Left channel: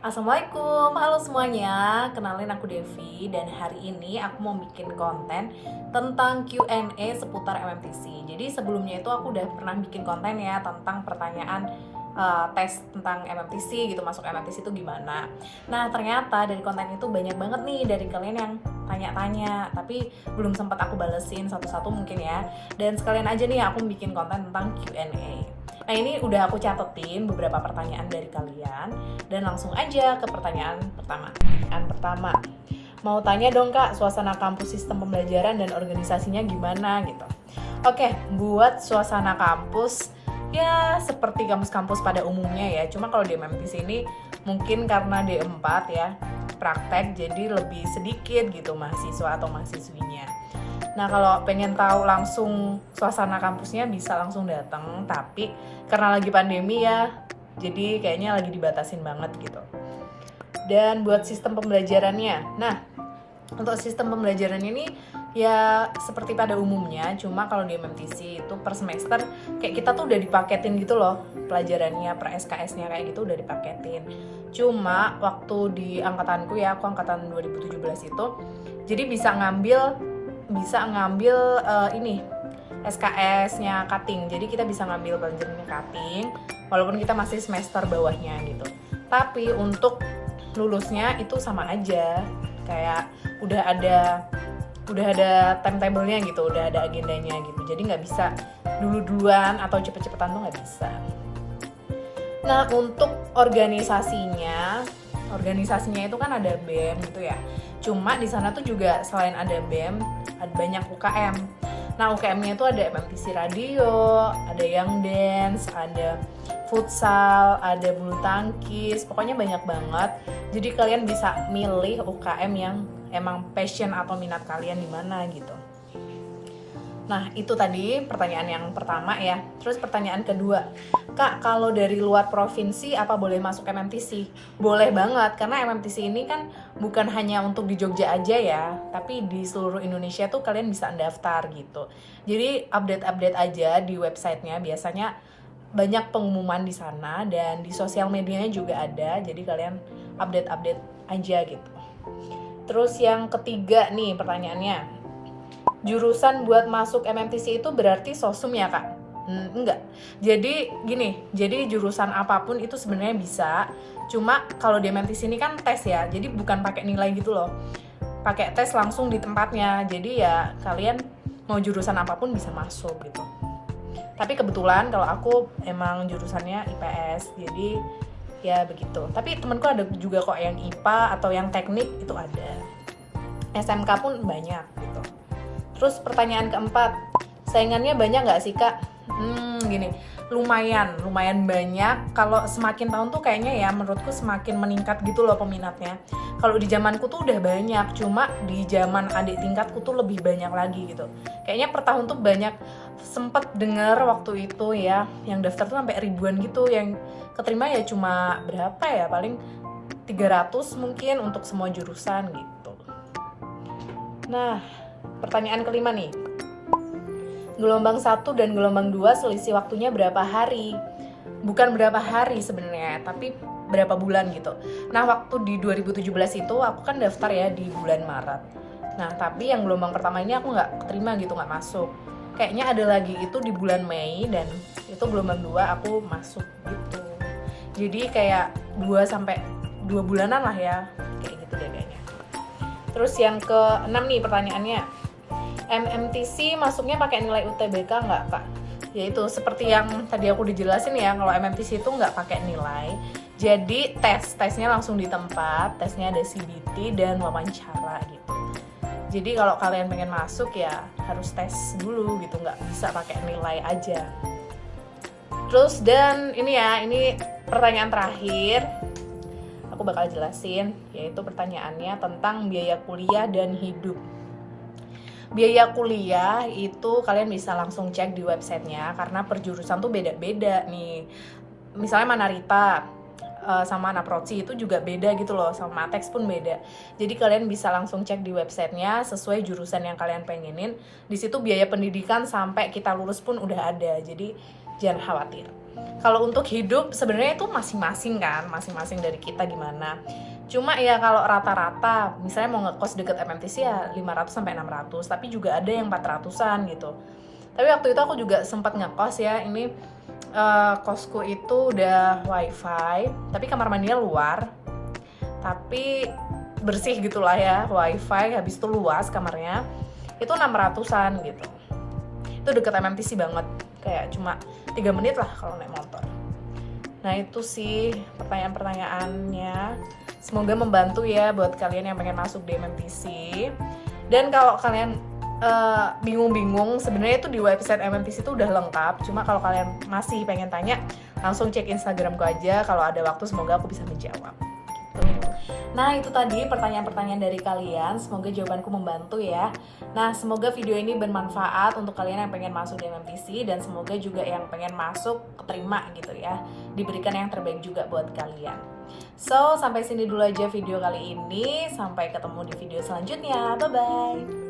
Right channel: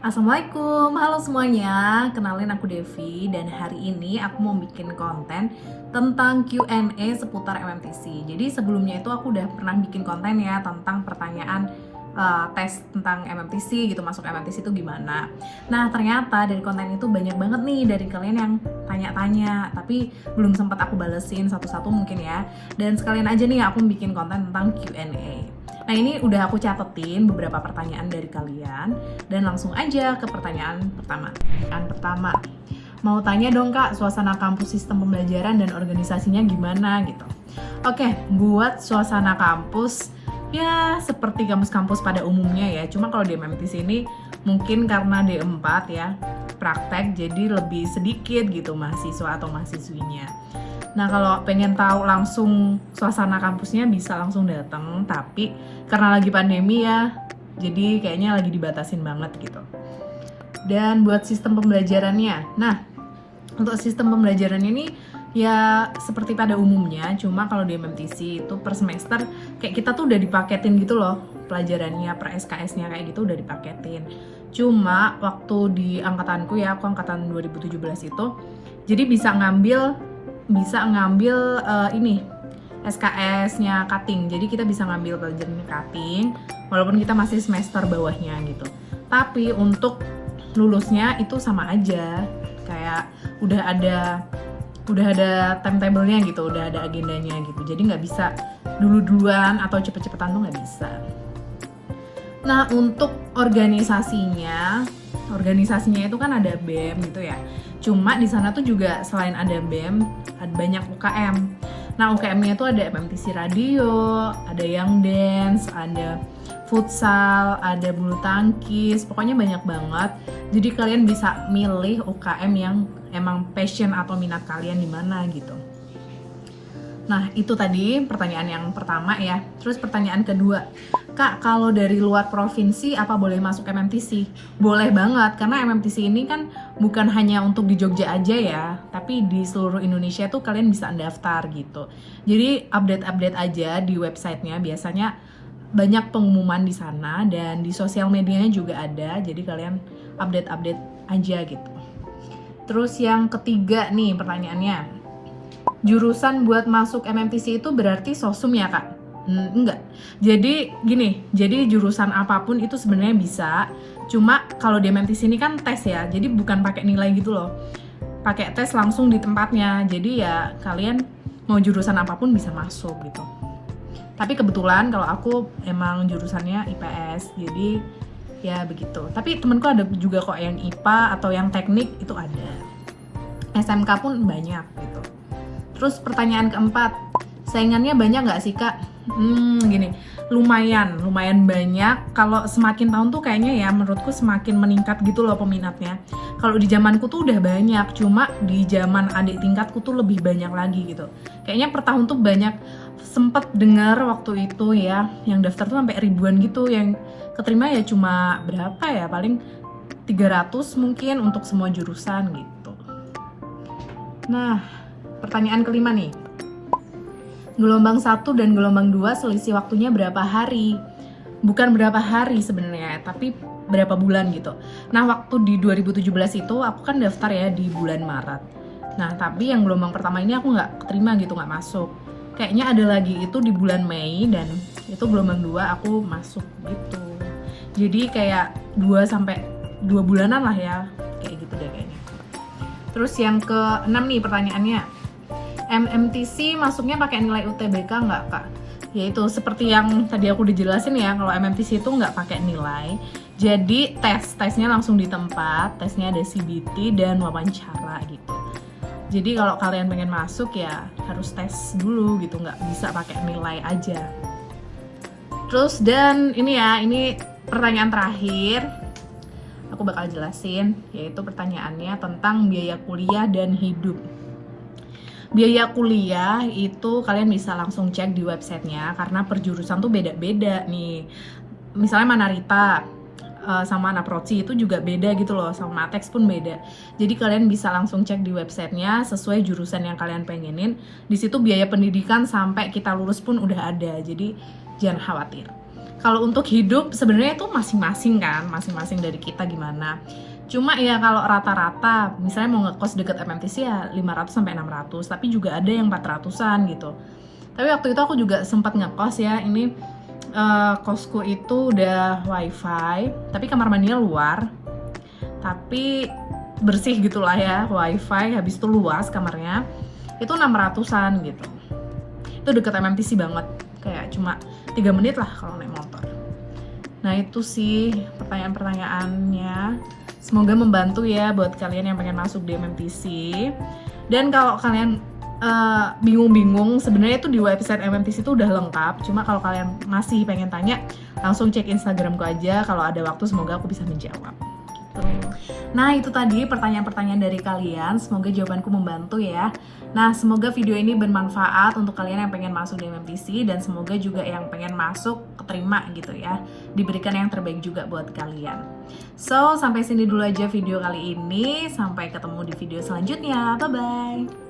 Assalamualaikum, halo semuanya. Kenalin aku Devi dan hari ini aku mau bikin konten tentang Q&A seputar MMTC. Jadi sebelumnya itu aku udah pernah bikin konten ya tentang pertanyaan tes tentang MMTC gitu, masuk MMTC itu gimana. Nah ternyata dari konten itu banyak banget nih dari kalian yang tanya-tanya, tapi belum sempat aku balesin satu-satu mungkin ya. Dan sekalian aja nih aku bikin konten tentang Q&A. Nah ini udah aku catetin beberapa pertanyaan dari kalian dan langsung aja ke pertanyaan pertama. Pertanyaan pertama, mau tanya dong kak, suasana kampus sistem pembelajaran dan organisasinya gimana gitu. Oke, buat suasana kampus ya seperti kampus-kampus pada umumnya ya. Cuma kalau di MMTC ini mungkin karena D4 ya praktek jadi lebih sedikit gitu mahasiswa atau mahasiswinya. Nah kalau pengen tahu langsung suasana kampusnya bisa langsung datang, tapi karena lagi pandemi ya, jadi kayaknya lagi dibatasin banget gitu. Dan buat sistem pembelajarannya, nah untuk sistem pembelajarannya ini ya seperti pada umumnya, cuma kalau di MMTC itu per semester kayak kita tuh udah dipaketin gitu loh pelajarannya, per SKS-nya kayak gitu udah dipaketin. Cuma waktu di angkatanku ya, aku angkatan 2017 itu, jadi bisa ngambil ini SKS-nya cutting. Jadi kita bisa ngambil pelajarannya cutting walaupun kita masih semester bawahnya gitu. Tapi untuk lulusnya itu sama aja. Kayak udah ada timetable-nya gitu, udah ada agendanya gitu. Jadi nggak bisa dulu-duluan atau cepet-cepetan tuh nggak bisa. Nah untuk organisasinya itu kan ada BEM gitu ya. Cuma di sana tuh juga selain ada BEM, ada banyak UKM. Nah UKM-nya tuh ada MMTC Radio, ada Young Dance, ada futsal, ada bulu tangkis, pokoknya banyak banget. Jadi kalian bisa milih UKM yang emang passion atau minat kalian di mana gitu. Nah itu tadi pertanyaan yang pertama ya. Terus pertanyaan kedua, Kak kalau dari luar provinsi apa boleh masuk MMTC? Boleh banget, karena MMTC ini kan bukan hanya untuk di Jogja aja ya, tapi di seluruh Indonesia tuh kalian bisa daftar gitu. Jadi update-update aja di websitenya, biasanya banyak pengumuman di sana dan di sosial medianya juga ada, jadi kalian update-update aja gitu. Terus yang ketiga nih pertanyaannya, jurusan buat masuk MMTC itu berarti sosum ya kak? Enggak. Jadi gini, jadi jurusan apapun itu sebenarnya bisa. Cuma kalau di MMTC ini kan tes ya, jadi bukan pakai nilai gitu loh. Pakai tes langsung di tempatnya. Jadi ya kalian mau jurusan apapun bisa masuk gitu. Tapi kebetulan kalau aku emang jurusannya IPS, jadi ya begitu. Tapi temenku ada juga kok yang IPA atau yang teknik itu ada. SMK pun banyak gitu. Terus pertanyaan keempat, saingannya banyak nggak sih kak? Gini, lumayan banyak. Kalau semakin tahun tuh kayaknya ya menurutku semakin meningkat gitu loh peminatnya. Kalau di zamanku tuh udah banyak, cuma di zaman adik tingkatku tuh lebih banyak lagi gitu. Kayaknya per tahun tuh banyak, sempet dengar waktu itu ya, yang daftar tuh sampai ribuan gitu, yang keterima ya cuma berapa ya, paling 300 mungkin untuk semua jurusan gitu. Nah, pertanyaan kelima nih. Gelombang 1 dan gelombang 2 selisih waktunya berapa hari? Bukan berapa hari sebenarnya, tapi berapa bulan gitu. Nah, waktu di 2017 itu aku kan daftar ya di bulan Maret. Nah, tapi yang gelombang pertama ini aku nggak keterima gitu, nggak masuk. Kayaknya ada lagi itu di bulan Mei dan itu gelombang 2 aku masuk gitu. Jadi kayak 2 bulanan lah ya, kayak gitu deh kayaknya. Terus yang ke-6 nih pertanyaannya. MMTC masuknya pakai nilai UTBK nggak kak? Yaitu seperti yang tadi aku dijelasin ya, kalau MMTC itu nggak pakai nilai. Jadi tesnya langsung di tempat, tesnya ada CBT dan wawancara gitu. Jadi kalau kalian pengen masuk ya harus tes dulu gitu, nggak bisa pakai nilai aja. Terus dan ini pertanyaan terakhir, aku bakal jelasin, yaitu pertanyaannya tentang biaya kuliah dan hidup. Biaya kuliah itu kalian bisa langsung cek di websitenya, karena per jurusan tuh beda-beda nih. Misalnya Manarita sama Naproci itu juga beda gitu loh, sama Matex pun beda. Jadi kalian bisa langsung cek di websitenya sesuai jurusan yang kalian pengenin. Di situ biaya pendidikan sampai kita lulus pun udah ada, jadi jangan khawatir. Kalau untuk hidup sebenarnya itu masing-masing kan, masing-masing dari kita gimana. Cuma ya kalau rata-rata misalnya mau ngekos deket MMTC ya 500 sampai 600, tapi juga ada yang 400-an gitu. Tapi waktu itu aku juga sempat ngekos ya, ini kosku itu udah wifi, tapi kamar mandinya luar, tapi bersih gitulah ya, wifi, habis itu luas kamarnya, itu 600-an gitu. Itu deket MMTC banget, kayak cuma 3 menit lah kalau naik motor. Nah itu sih pertanyaan-pertanyaannya, semoga membantu ya buat kalian yang pengen masuk di MMTC. Dan kalau kalian bingung-bingung, sebenarnya itu di website MMTC itu udah lengkap. Cuma kalau kalian masih pengen tanya, langsung cek Instagramku aja. Kalau ada waktu semoga aku bisa menjawab. Gitu. Nah itu tadi pertanyaan-pertanyaan dari kalian. Semoga jawabanku membantu ya. Nah semoga video ini bermanfaat untuk kalian yang pengen masuk di MMTC, dan semoga juga yang pengen masuk keterima gitu ya, diberikan yang terbaik juga buat kalian. So sampai sini dulu aja video kali ini. Sampai ketemu di video selanjutnya. Bye bye.